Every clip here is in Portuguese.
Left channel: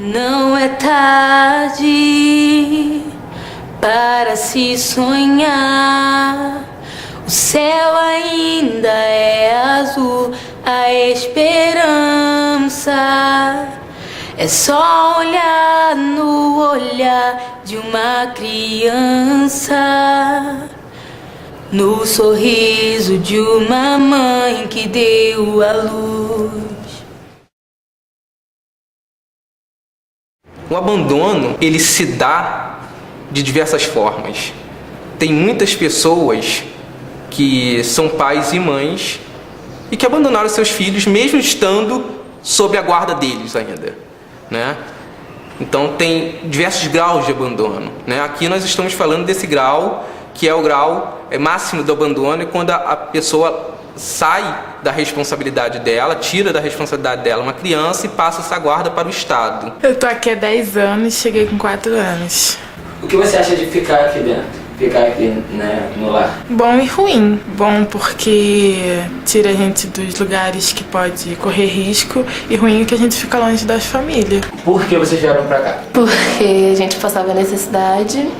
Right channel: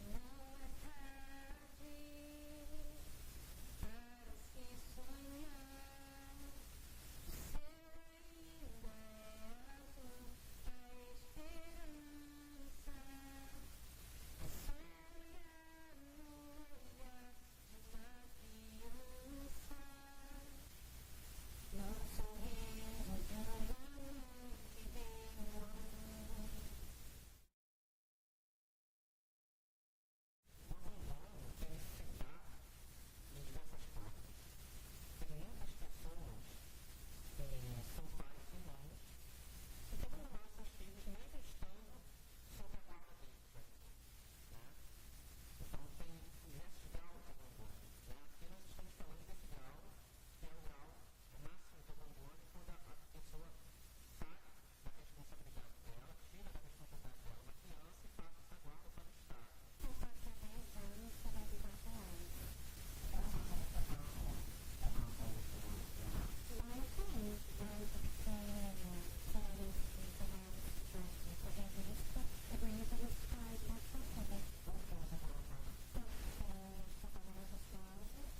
Não é tarde para se sonhar. O céu ainda é azul, a esperança é só olhar no olhar de uma criança, no sorriso de uma mãe que deu à luz. O abandono, ele se dá de diversas formas. Tem muitas pessoas que são pais e mães e que abandonaram seus filhos mesmo estando sob a guarda deles ainda, né? Então tem diversos graus de abandono, né? Aqui nós estamos falando desse grau, que é o grau máximo do abandono, é quando a pessoa sai da responsabilidade dela, tira da responsabilidade dela uma criança e passa essa guarda para o Estado. Eu tô aqui há 10 anos, cheguei com 4 anos. O que você acha de ficar aqui dentro? Ficar aqui, né, no lar? Bom e ruim. Bom porque tira a gente dos lugares que pode correr risco, e ruim é que a gente fica longe das famílias. Por que vocês vieram pra cá? Porque a gente passava necessidade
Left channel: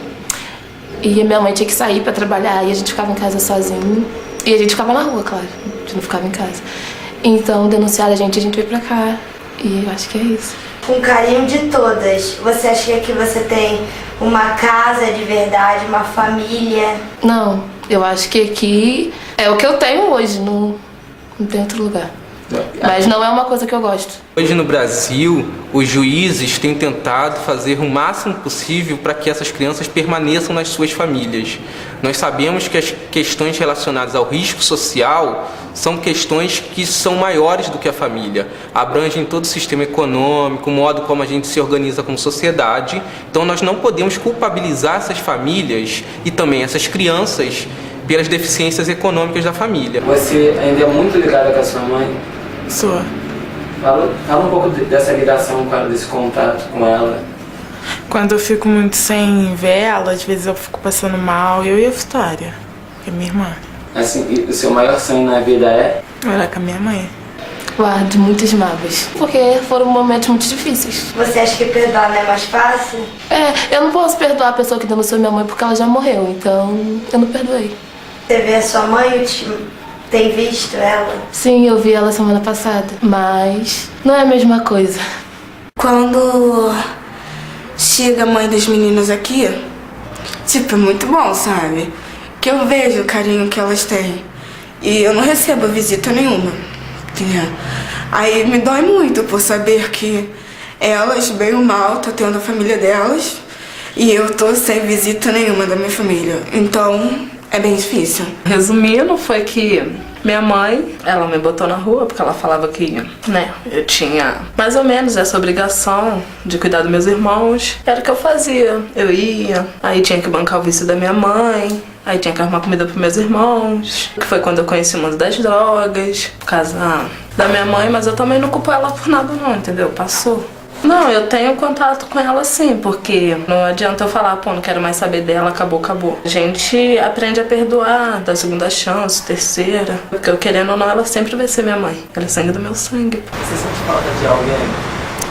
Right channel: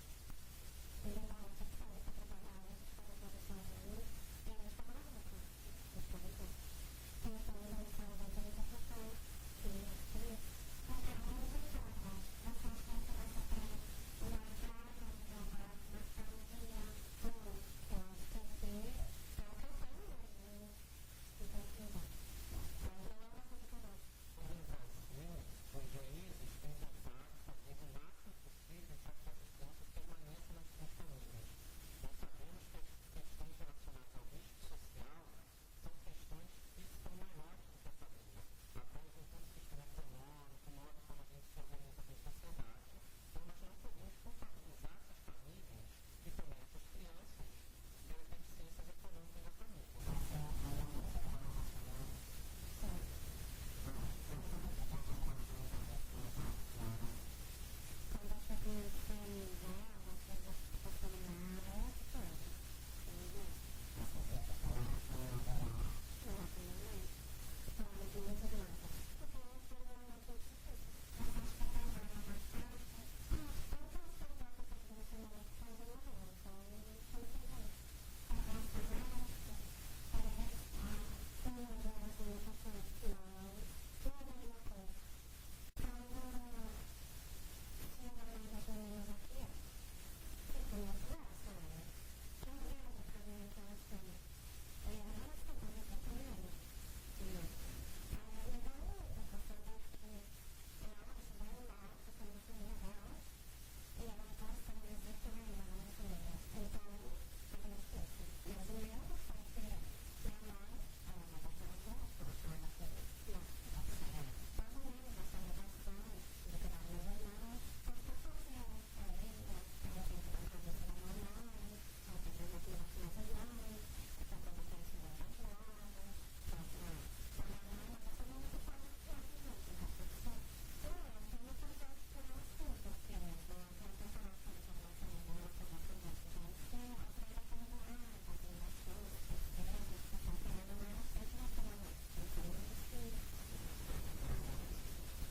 e a minha mãe tinha que sair pra trabalhar e a gente ficava em casa sozinho. E a gente ficava na rua, claro, a gente não ficava em casa. Então denunciaram a gente veio pra cá e eu acho que é isso. Com carinho de todas, você acha que aqui você tem uma casa de verdade, uma família? Não, eu acho que aqui é o que eu tenho hoje, não tem outro lugar. Mas não é uma coisa que eu gosto. Hoje no Brasil, os juízes têm tentado fazer o máximo possível para que essas crianças permaneçam nas suas famílias. Nós sabemos que as questões relacionadas ao risco social são questões que são maiores do que a família. Abrangem todo o sistema econômico, o modo como a gente se organiza como sociedade. Então nós não podemos culpabilizar essas famílias e também essas crianças pelas deficiências econômicas da família. Você ainda é muito ligada com a sua mãe? Sou. Fala um pouco dessa ligação, desse contato com ela. Quando eu fico muito sem ver ela, às vezes eu fico passando mal, eu e a Vitória, que é minha irmã. Assim, e o seu maior sonho na vida é? Ela é com a minha mãe. Guardo muitas mágoas, porque foram momentos muito difíceis. Você acha que perdoar não é mais fácil? Eu não posso perdoar a pessoa que denunciou minha mãe porque ela já morreu, então eu não perdoei. Você vê a sua mãe, tem visto ela? Sim, eu vi ela semana passada, mas não é a mesma coisa. Quando chega a mãe das meninas aqui, é muito bom, sabe? Que eu vejo o carinho que elas têm. E eu não recebo visita nenhuma, entendeu? Aí me dói muito por saber que elas, bem ou mal, tá tendo a família delas e eu tô sem visita nenhuma da minha família. Então, é bem difícil. Resumindo, foi que minha mãe, ela me botou na rua porque ela falava que, né, eu tinha mais ou menos essa obrigação de cuidar dos meus irmãos. Era o que eu fazia. Eu ia, aí tinha que bancar o vício da minha mãe, aí tinha que arrumar comida pros meus irmãos. Que foi quando eu conheci o mundo das drogas, por causa da minha mãe, mas eu também não culpo ela por nada não, entendeu? Passou. Não, eu tenho contato com ela sim, porque não adianta eu falar, pô, não quero mais saber dela, acabou, acabou. A gente aprende a perdoar, dá segunda chance, terceira, porque eu querendo ou não, ela sempre vai ser minha mãe. Ela é sangue do meu sangue. Você sente falta de alguém?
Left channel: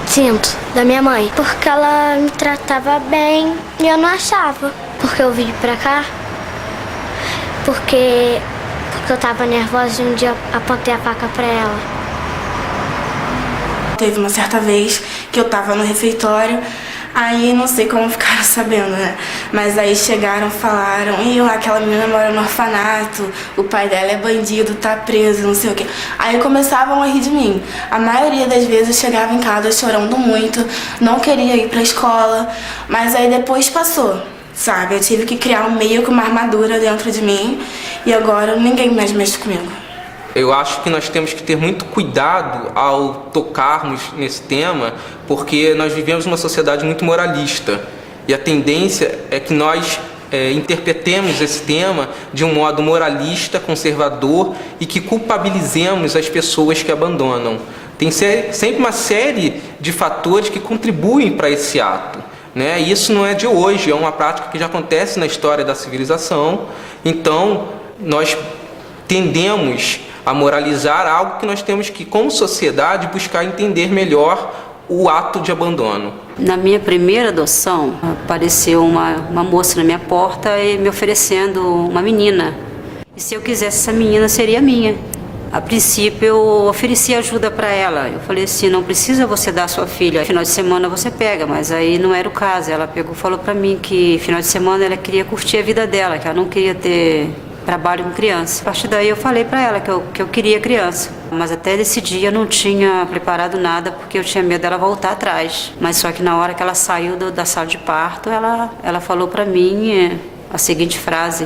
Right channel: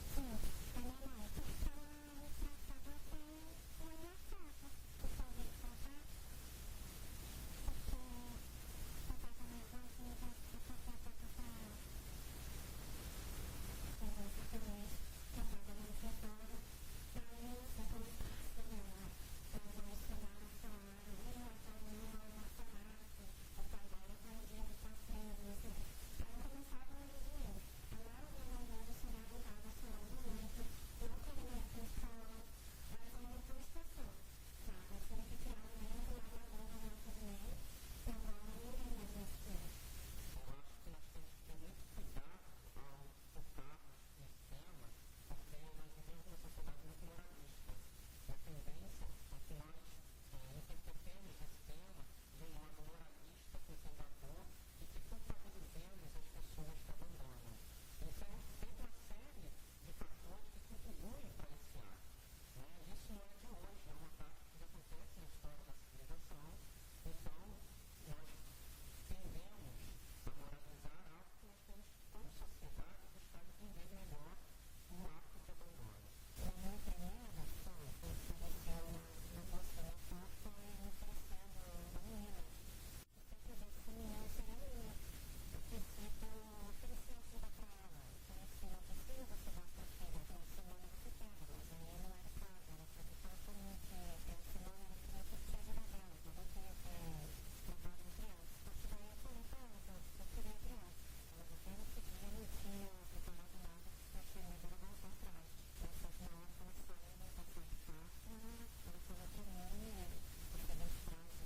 Sinto, da minha mãe, porque ela me tratava bem e eu não achava. Porque eu vim pra cá, porque eu tava nervosa e um dia eu apontei a faca pra ela. Teve uma certa vez que eu tava no refeitório, aí não sei como ficaram sabendo, né? Mas aí chegaram, falaram, aquela menina mora no orfanato, o pai dela é bandido, tá preso, não sei o quê. Aí começavam a rir de mim. A maioria das vezes eu chegava em casa chorando muito, não queria ir pra escola, mas aí depois passou, sabe? Eu tive que criar meio que uma armadura dentro de mim e agora ninguém mais mexe comigo. Eu acho que nós temos que ter muito cuidado ao tocarmos nesse tema, porque nós vivemos uma sociedade muito moralista e a tendência é que nós interpretemos esse tema de um modo moralista, conservador e que culpabilizemos as pessoas que abandonam. Tem sempre uma série de fatores que contribuem para esse ato, né? E isso não é de hoje, é uma prática que já acontece na história da civilização. Então, nós tendemos a moralizar algo que nós temos que, como sociedade, buscar entender melhor o ato de abandono. Na minha primeira adoção, apareceu uma moça na minha porta e me oferecendo uma menina. E se eu quisesse essa menina, seria minha. A princípio, eu ofereci ajuda para ela. Eu falei assim, não precisa você dar a sua filha. Final de semana você pega, mas aí não era o caso. Ela falou para mim que final de semana ela queria curtir a vida dela, que ela não queria ter trabalho com criança. A partir daí eu falei para ela que eu queria criança. Mas até desse dia eu não tinha preparado nada porque eu tinha medo dela voltar atrás. Mas só que na hora que ela saiu da sala de parto, ela falou para mim a seguinte frase:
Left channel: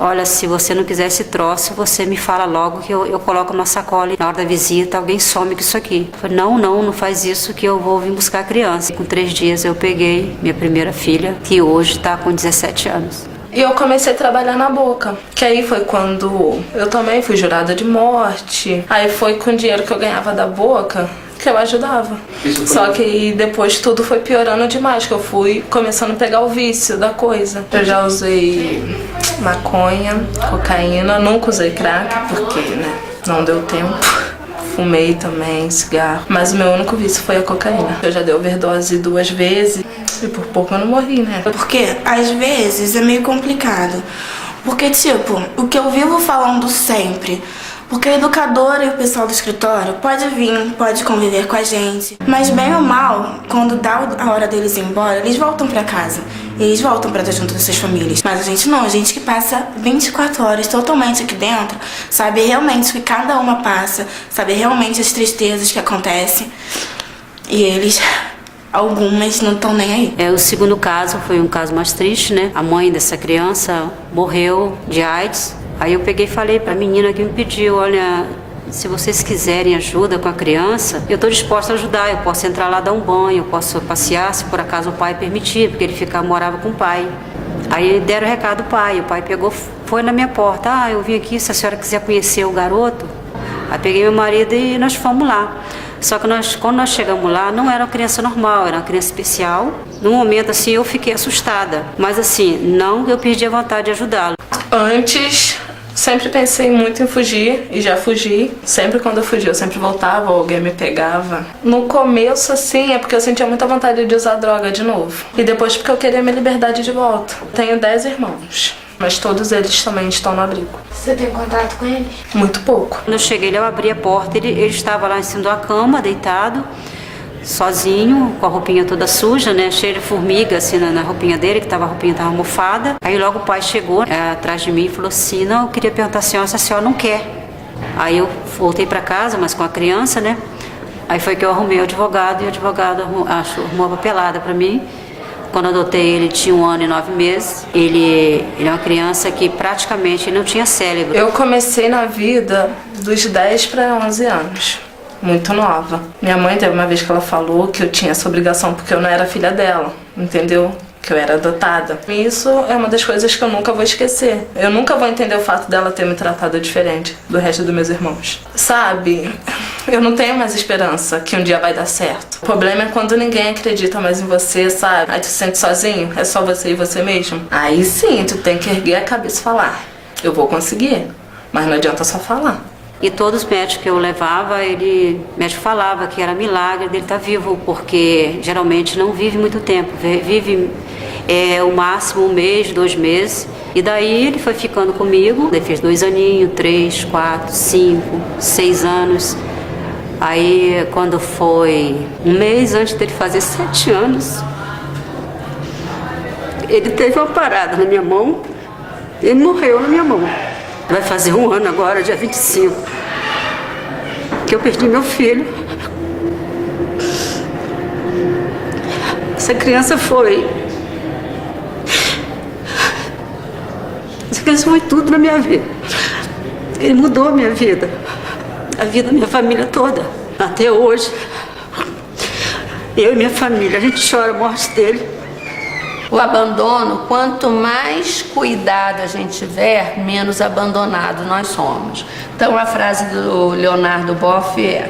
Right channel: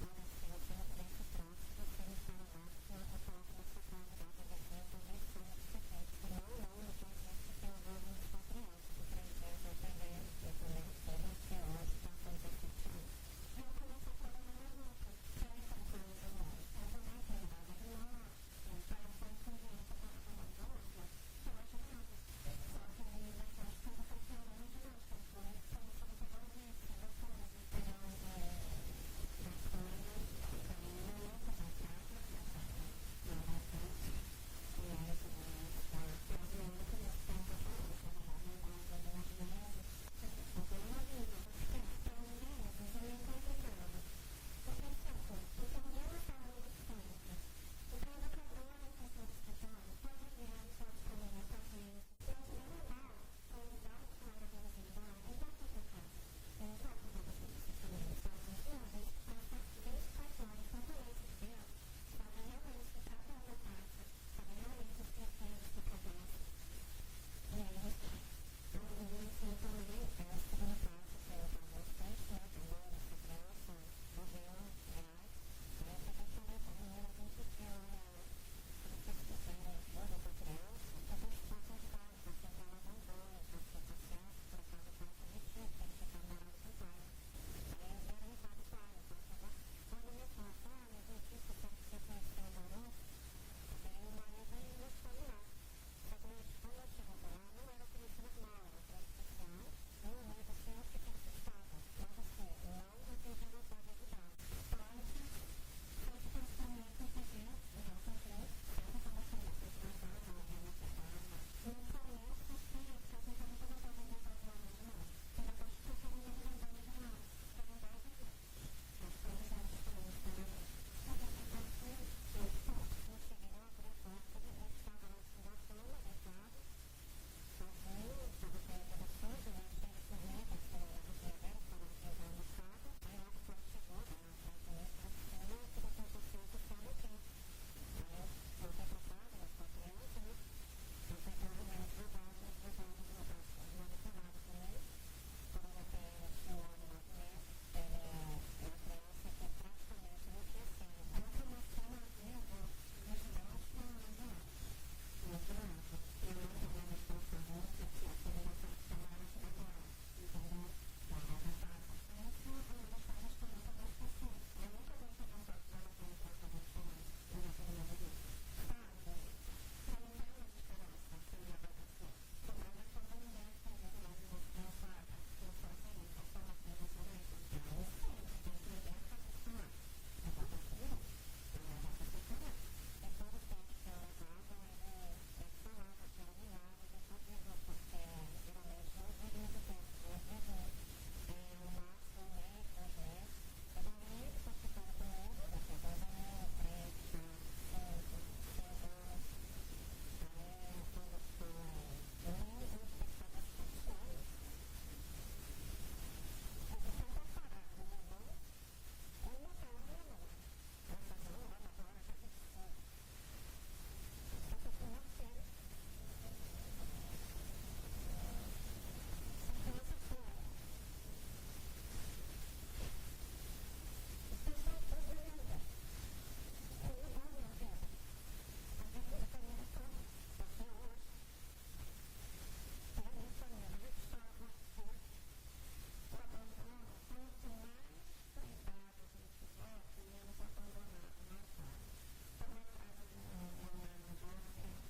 olha, se você não quiser esse troço, você me fala logo que eu coloco uma sacola e na hora da visita alguém some com isso aqui. Eu falei, não faz isso que eu vou vir buscar a criança. Com 3 dias eu peguei minha primeira filha, que hoje está com 17 anos. E eu comecei a trabalhar na Boca, que aí foi quando eu também fui jurada de morte. Aí foi com o dinheiro que eu ganhava da Boca que eu ajudava. Só que depois tudo foi piorando demais, que eu fui começando a pegar o vício da coisa. Eu já usei maconha, cocaína, nunca usei crack, porque, né, não deu tempo. Fumei também, cigarro. Mas o meu único vício foi a cocaína. Eu já dei overdose 2 vezes e por pouco eu não morri, né? Porque, às vezes, é meio complicado. Porque, tipo, o que eu vivo falando sempre... Porque a educadora e o pessoal do escritório pode vir, pode conviver com a gente. Mas bem ou mal, quando dá a hora deles ir embora, eles voltam pra casa. Eles voltam pra estar junto das suas famílias. Mas a gente não, a gente que passa 24 horas totalmente aqui dentro, sabe realmente o que cada uma passa, sabe realmente as tristezas que acontecem. E eles... algumas não estão nem aí. O segundo caso foi um caso mais triste, né? A mãe dessa criança morreu de AIDS. Aí eu peguei e falei para a menina que me pediu, olha, se vocês quiserem ajuda com a criança, eu estou disposta a ajudar, eu posso entrar lá dar um banho, eu posso passear, se por acaso o pai permitir, porque ele morava com o pai. Aí deram o recado do pai, o pai pegou, foi na minha porta, eu vim aqui, se a senhora quiser conhecer o garoto. Aí peguei meu marido e nós fomos lá. Só que quando nós chegamos lá, não era uma criança normal, era uma criança especial. No momento, assim, eu fiquei assustada. Mas, assim, não eu perdi a vontade de ajudá-lo. Antes, sempre pensei muito em fugir e já fugi. Sempre quando eu fugia, eu sempre voltava ou alguém me pegava. No começo, assim, é porque eu sentia muita vontade de usar droga de novo. E depois porque eu queria minha liberdade de volta. Tenho 10 irmãos. Mas todos eles também estão no abrigo. Você tem contato com eles? Muito pouco. Quando eu cheguei, eu abri a porta, ele estava lá em cima da cama, deitado, sozinho, com a roupinha toda suja, né, cheia de formiga, assim, na roupinha dele, que a roupinha estava mofada. Aí logo o pai chegou atrás de mim e falou assim, não, eu queria perguntar à senhora se a senhora não quer. Aí eu voltei para casa, mas com a criança, né, aí foi que eu arrumei o advogado, e o advogado arrumou a papelada para mim. Quando eu adotei ele, tinha 1 ano e 9 meses. Ele é uma criança que praticamente não tinha cérebro. Eu comecei na vida dos 10 para 11 anos, muito nova. Minha mãe teve uma vez que ela falou que eu tinha essa obrigação porque eu não era filha dela, entendeu? Que eu era adotada. Isso é uma das coisas que eu nunca vou esquecer. Eu nunca vou entender o fato dela ter me tratado diferente do resto dos meus irmãos. Sabe, eu não tenho mais esperança que um dia vai dar certo. O problema é quando ninguém acredita mais em você, sabe? Aí tu se sente sozinho, é só você e você mesmo. Aí sim, tu tem que erguer a cabeça e falar, eu vou conseguir, mas não adianta só falar. E todos os médicos que eu levava, o médico falava que era milagre dele estar vivo, porque geralmente não vive muito tempo, vive o máximo 1 mês, 2 meses. E daí ele foi ficando comigo, ele fez 2 aninhos, 3, 4, 5, 6 anos. Aí quando foi 1 mês antes dele fazer 7 anos, ele teve uma parada na minha mão, ele morreu na minha mão. Vai fazer 1 ano agora, dia 25, que eu perdi meu filho. Essa criança foi tudo na minha vida. Ele mudou a minha vida, a vida da minha família toda. Até hoje, eu e minha família, a gente chora a morte dele. O abandono, quanto mais cuidado a gente tiver, menos abandonado nós somos. Então a frase do Leonardo Boff é:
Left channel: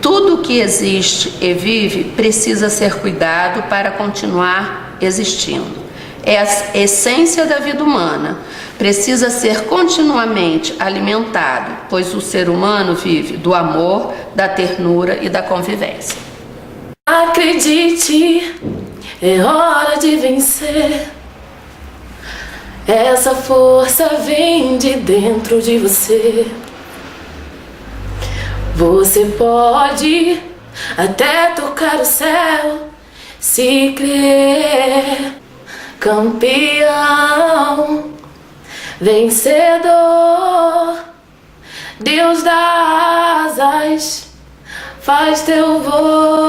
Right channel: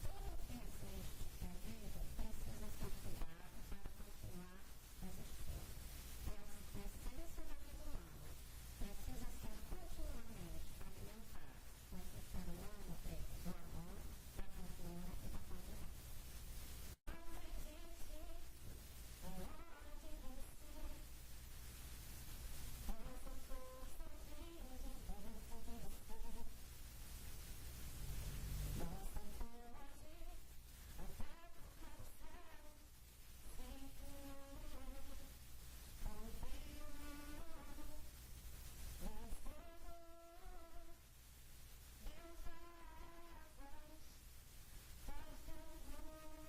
tudo que existe e vive precisa ser cuidado para continuar existindo. É a essência da vida humana. Precisa ser continuamente alimentado, pois o ser humano vive do amor, da ternura e da convivência. Acredite, é hora de vencer. Essa força vem de dentro de você. Você pode até tocar o céu, se crer. Campeão, vencedor, Deus dá asas, faz teu voo.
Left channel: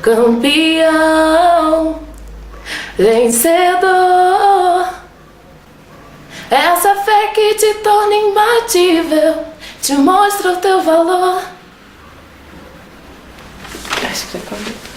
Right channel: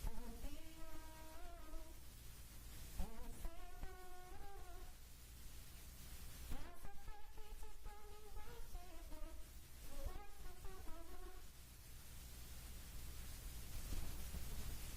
Campeão, vencedor, essa fé que te torna imbatível, te mostra o teu valor. Acho que já acabou.